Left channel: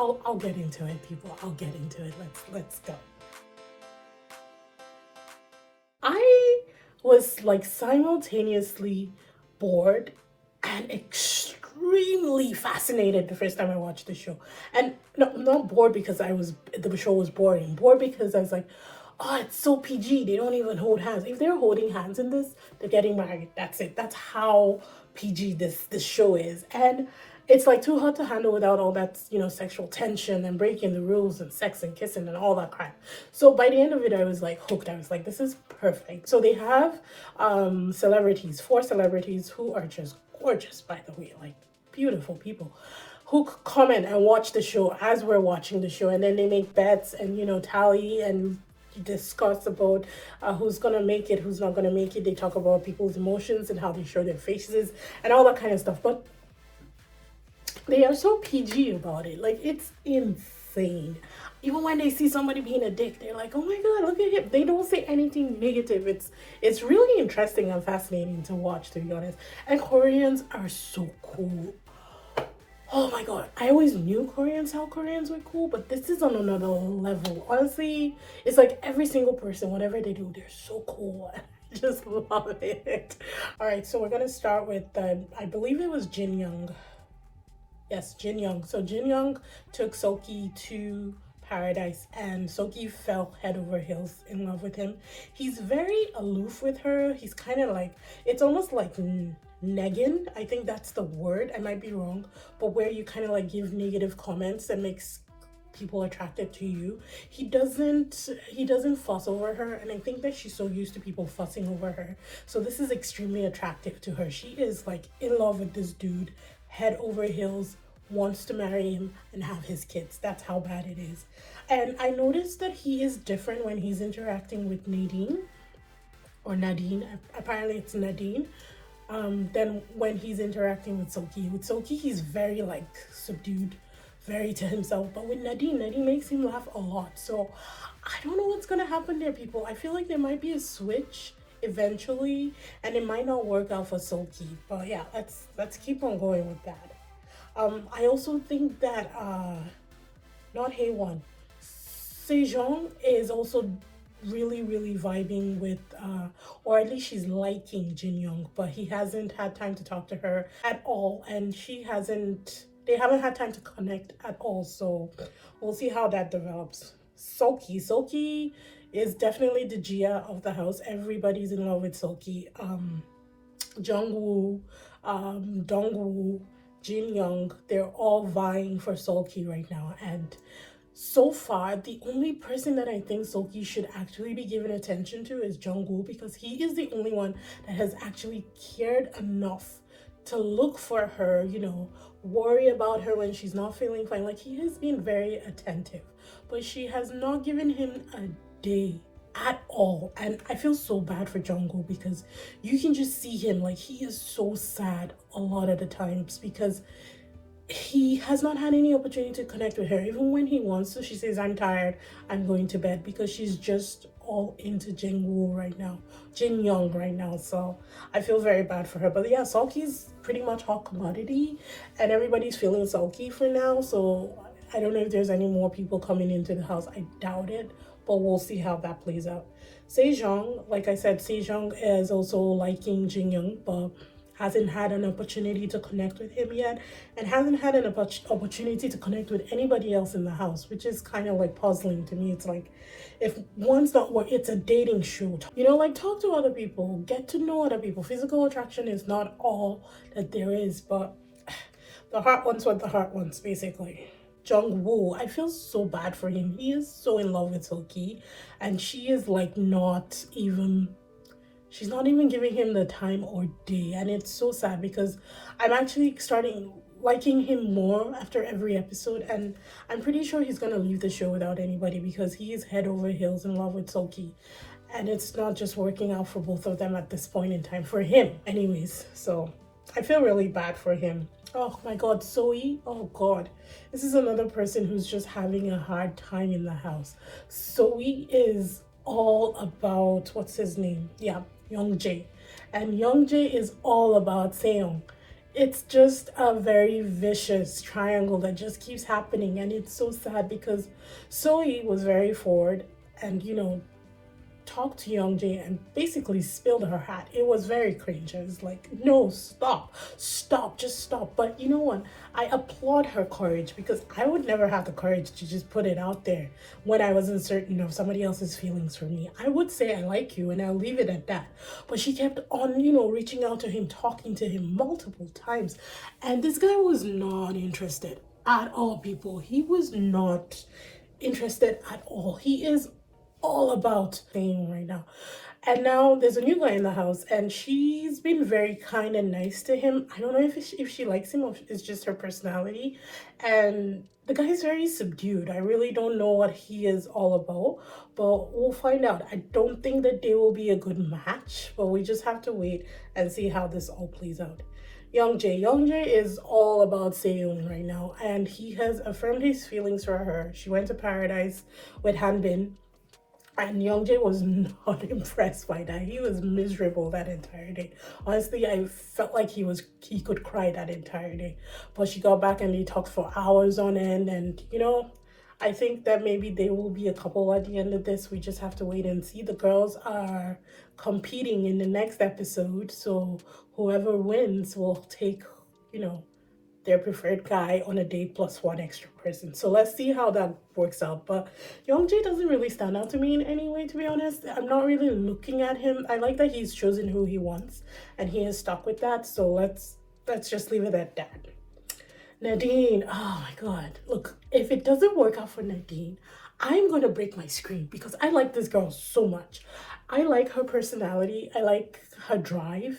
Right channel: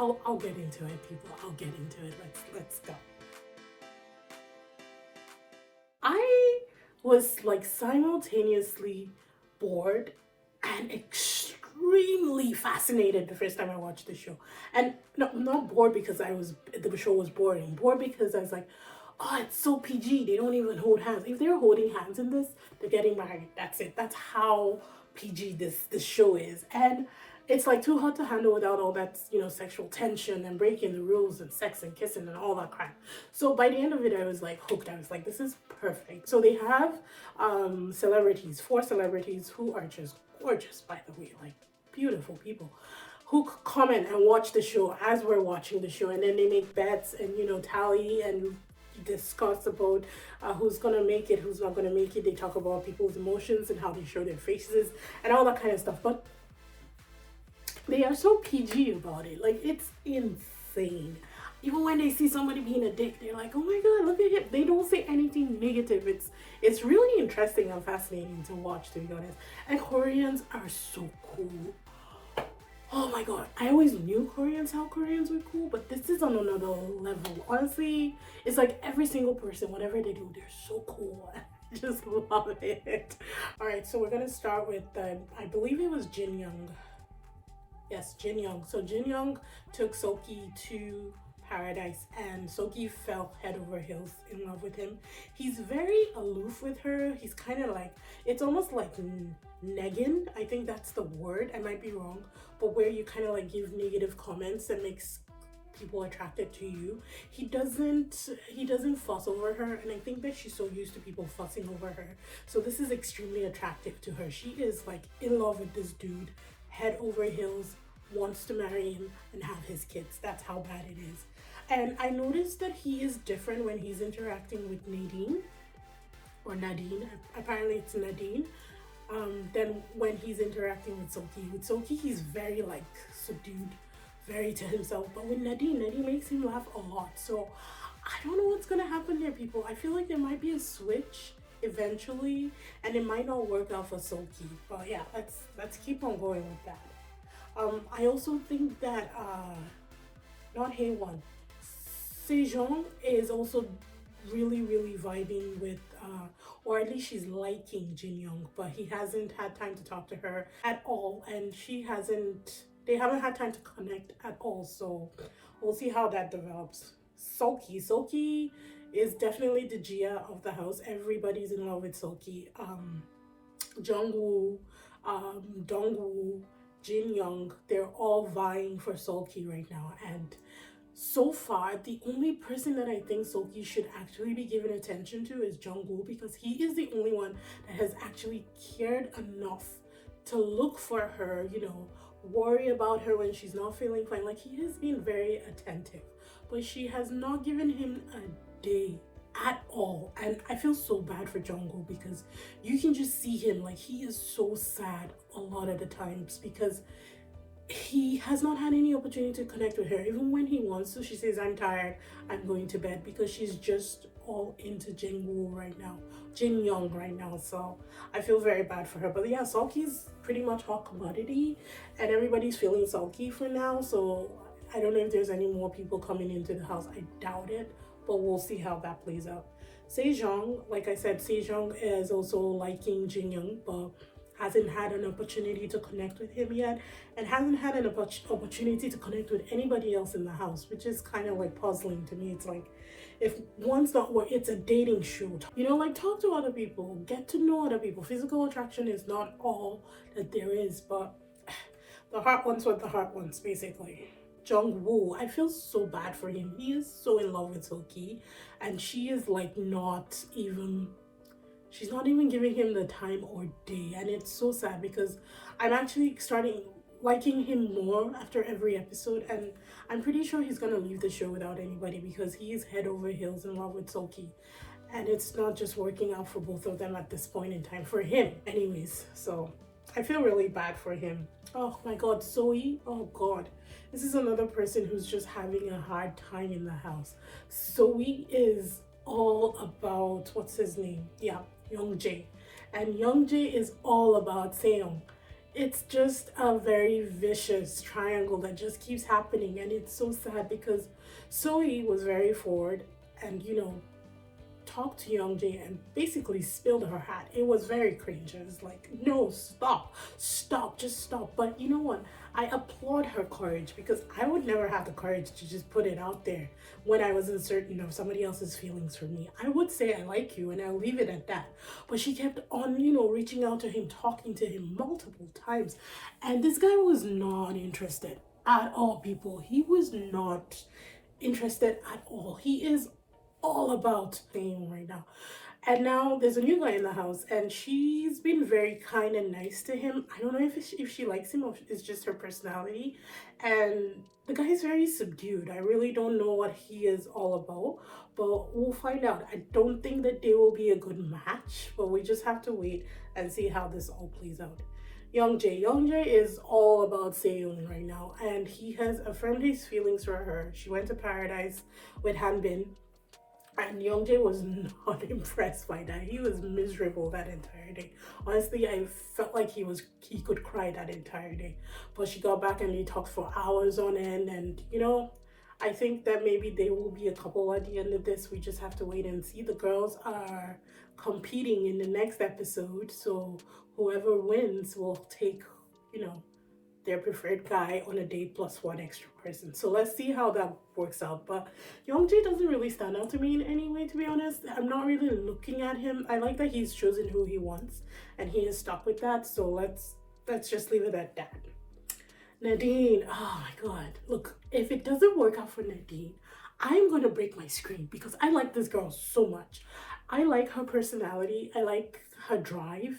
I'll get into it, people. I'll get into it. Let's go. I was like simultaneously bored and extremely fascinated the first time I watched the show. And no, not bored because the show was boring. Bored because I was like, oh, it's so PG. They don't even hold hands. If they're holding hands in this, they're getting married. That's it. That's how PG this show is. And it's like too hard to handle without all that, sexual tension and breaking the rules and sex and kissing and all that crap. So by the end of it, I was like hooked. I was like, this is perfect. So they have celebrities, 4 celebrities who are just gorgeous, by the way, like beautiful people who comment and watch the show as we're watching the show, and then they make bets and tally and discuss about who's gonna make it, who's not gonna make it. They talk about people's emotions and how they show their faces and all that kind of stuff. But they are so PG about it. Like, it's insane. Even when they see somebody being a dick, they're like, oh my god, look at him. They don't say anything negative. It's really interesting and fascinating to watch, to be honest. And Koreans are so cool. Oh my god, I always knew how Koreans were cool, but this is on another level. Honestly, it's like every single person, whatever they do, they're so cool. I just love it. All right, so we're gonna start with, I believe it was Jin-kyung. Yes, Jin-kyung. So Jin-kyung took Soki to paradise, and Soki fell head over heels in love with him. He's very aloof with her. He's kind of like, it's almost like negging. I think that's the word. I might be wrong, but where you kind of like give negative comments that makes people attracted to you. He doesn't fuss over her, and I think that she's so used to people fussing over her. So this is extremely attractive to her. She is like in love with this dude, head over heels, wants to marry him and have his kids. That's how bad it is. And I noticed that he is different when he's interacting with Nadine. Apparently it's Nadine. Then when he's interacting with Soki, he's very like subdued, very to himself. But with Nadine makes him laugh a lot. So I don't know what's gonna happen there, people. I feel like there might be a switch eventually, and it might not work out for Soki. But yeah, let's keep on going with that. I also think that not Hae Won, Sejong is also really vibing with or at least she's liking Jin-young, but he hasn't had time to talk to her at all, and they haven't had time to connect at all. So we'll see how that develops. Soki is definitely the Gia of the house. Everybody's in love with Soki. Jungwoo, Dongwoo, Jin-young, they're all vying for Soki right now. And so far, the only person that I think Soki should actually be given attention to is Jungwoo, because he is the only one that has actually cared enough to look for her, worry about her when she's not feeling fine. Like, he has been very attentive, but she has not given him a day at all. And I feel so bad for Jungkook, because you can just see him, like, he is so sad a lot of the times because he has not had any opportunity to connect with her. Even when he wants to, she says, I'm tired, I'm going to bed, because she's just all into Jin-young right now. So I feel very bad for her. But yeah, Sulky's pretty much hot commodity, and everybody's feeling Sulky for now. So I don't know if there's any more people coming into the house. I doubt it, but we'll see how that plays out. Sejong, like I said, Sejong is also liking Jin-young, but hasn't had an opportunity to connect with him yet, and hasn't had an opportunity to connect with anybody else in the house, which is kind of like puzzling to me. It's like, if one's not work, it's a dating show. Like, talk to other people, get to know other people. Physical attraction is not all that there is, but the heart wants what the heart wants, basically. Jungwoo, I feel so bad for him. He is so in love with Soki, and she is like she's not even giving him the time or day. And it's so sad, because I'm actually starting liking him more after every episode, and I'm pretty sure he's gonna leave the show without anybody, because he is head over heels in love with Soki, and it's not just working out for both of them at this point in time, for him anyways. So I feel really bad for him. Oh my god, Zoe, oh god, this is another person who's just having a hard time in the house. Zoe is all about, what's his name? Yeah, Young Jae. And Young Jae is all about Seong. It's just a very vicious triangle that just keeps happening, and it's so sad because Soe was very forward and talked to Youngjae and basically spilled her hat. It was very cringe. I was like, no, stop, stop, just stop. But you know what? I applaud her courage because I would never have the courage to just put it out there when I wasn't certain of somebody else's feelings for me. I would say I like you and I'll leave it at that. But she kept on, reaching out to him, talking to him multiple times. And this guy was not interested at all, people. He was not interested at all. He is all about thing right now. And now there's a new guy in the house, and she's been very kind and nice to him. I don't know if she likes him or if it's just her personality. And the guy is very subdued. I really don't know what he is all about, but we'll find out. I don't think that they will be a good match, but we just have to wait and see how this all plays out. Youngjae is all about Seyun right now, and he has affirmed his feelings for her. She went to paradise with Hanbin, and Youngjae was not impressed by that. He was miserable that entire day. Honestly, I felt like he could cry that entire day. But she got back and they talked for hours on end, and I think that maybe they will be a couple at the end of this. We just have to wait and see. The girls are competing in the next episode, so whoever wins will take, their preferred guy on a date plus one extra person. So let's see how that works out. But Youngjae doesn't really stand out to me in any way, to be honest. I'm not really looking at him. I like that he's chosen who he wants and he is stuck with that. So let's just leave it at that. Nadine, oh my god. Look, if it doesn't work out for Nadine, I'm gonna break my screen because I like this girl so much. I like her personality. I like her drive.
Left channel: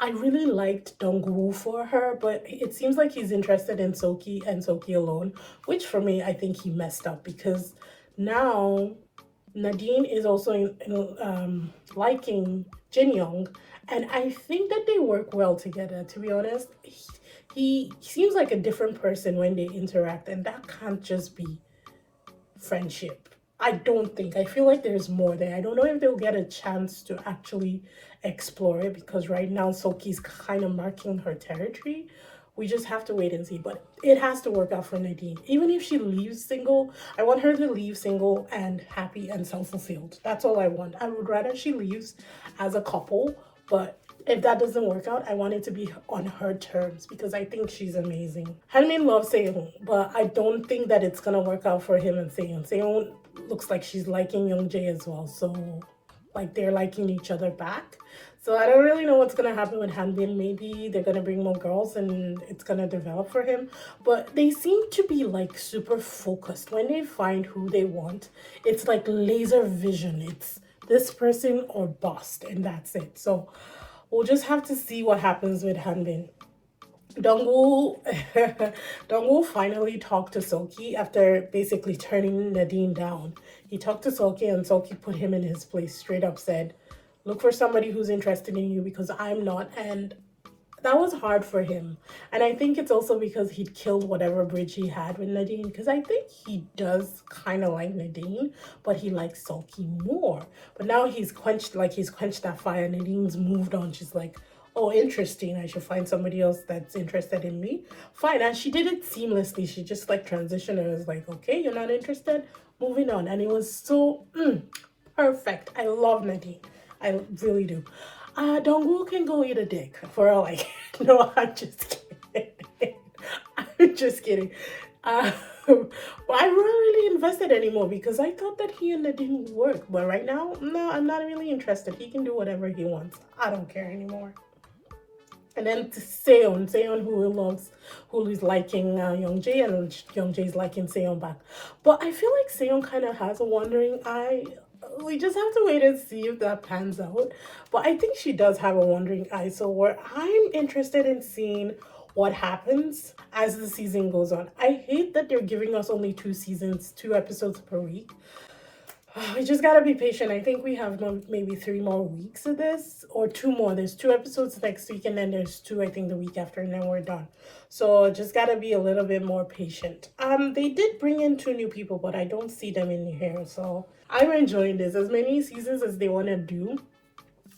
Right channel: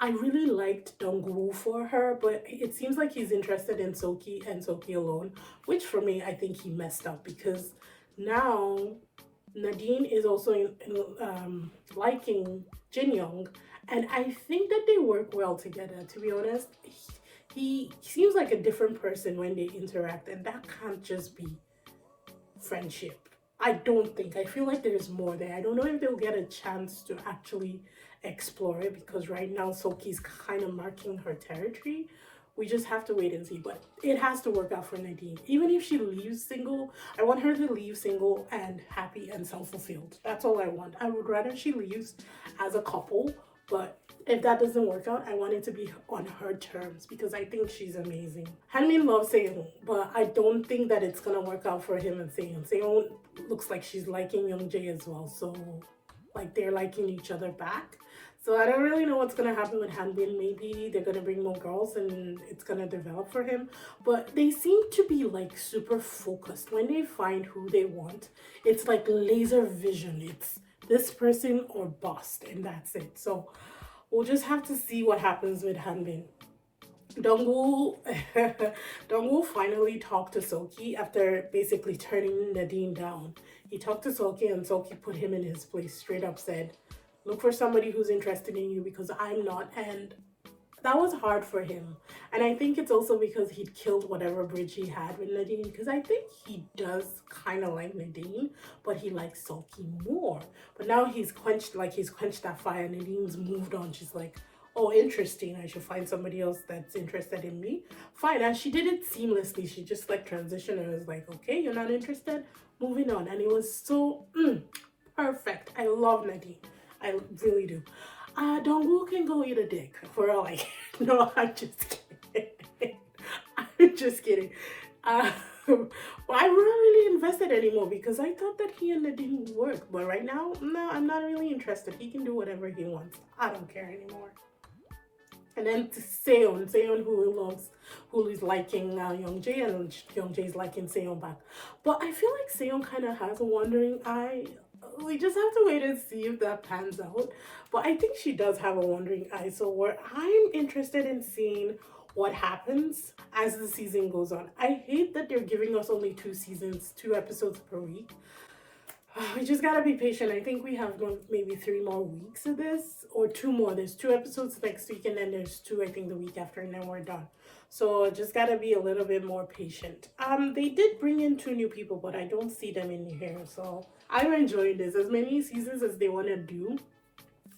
I really liked Dongwoo for her, but it seems like he's interested in Soki and Soki alone, which for me, I think he messed up because now Nadine is also liking Jin-kyung, and I think that they work well together, to be honest. He seems like a different person when they interact, and that can't just be friendship. I don't think. I feel like there's more there. I don't know if they'll get a chance to actually explore it because right now Soki's kind of marking her territory. We just have to wait and see. But it has to work out for Nadine. Even if she leaves single, I want her to leave single and happy and self-fulfilled. That's all I want. I would rather she leaves as a couple, but if that doesn't work out, I want it to be on her terms because I think she's amazing. Hanmin loves Seyun, but I don't think that it's gonna work out for him and Seyun. Seyun looks like she's liking Youngjae as well, so like they're liking each other back. So I don't really know what's gonna happen with Hanbin. Maybe they're gonna bring more girls and it's gonna develop for him. But they seem to be like super focused. When they find who they want, it's like laser vision. It's this person or bust, and that's it. So we'll just have to see what happens with Hanbin. Dongwoo Dongwoo finally talked to Soki after basically turning Nadine down. He talked to Soki and Soki put him in his place, straight up said, look for somebody who's interested in you because I'm not. And that was hard for him. And I think it's also because he'd killed whatever bridge he had with Nadine, because I think he does kind of like Nadine, but he likes Soki more. But now he's quenched that fire. Nadine's moved on. She's like, oh, interesting, I should find somebody else that's interested in me. Fine. And she did it seamlessly. She just like transitioned and was like, okay, you're not interested, moving on. And it was so perfect. I love Nadine. I really do. Dongwoo can go eat a dick for all like. No, I'm just kidding. I'm just kidding. I'm not really invested anymore because I thought that he and Nadine would work. But right now, no, I'm not really interested. He can do whatever he wants. I don't care anymore. And then to Seon who is liking Youngjae, and Youngjae is liking Seon back. But I feel like Seon kind of has a wandering eye. We just have to wait and see if that pans out. But I think she does have a wandering eye. So I'm interested in seeing what happens as the season goes on. I hate that they're giving us only 2 episodes per week. We just gotta be patient. I think we have maybe 3 more weeks of this, or 2 more. There's 2 episodes next week, and then there's 2, I think, the week after, and then we're done. So just gotta be a little bit more patient. They did bring in 2 new people, but I don't see them in here. So I'm enjoying this. As many seasons as they want to do,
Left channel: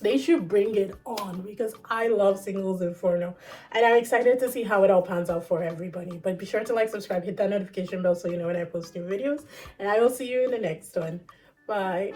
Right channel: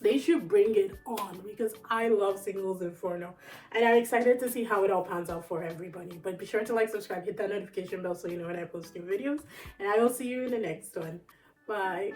They should bring it on because I love singles Inferno, and I'm excited to see how it all pans out for everybody. But be sure to like, subscribe, hit that notification bell so you know when I post new videos, and I will see you in the next one. Bye.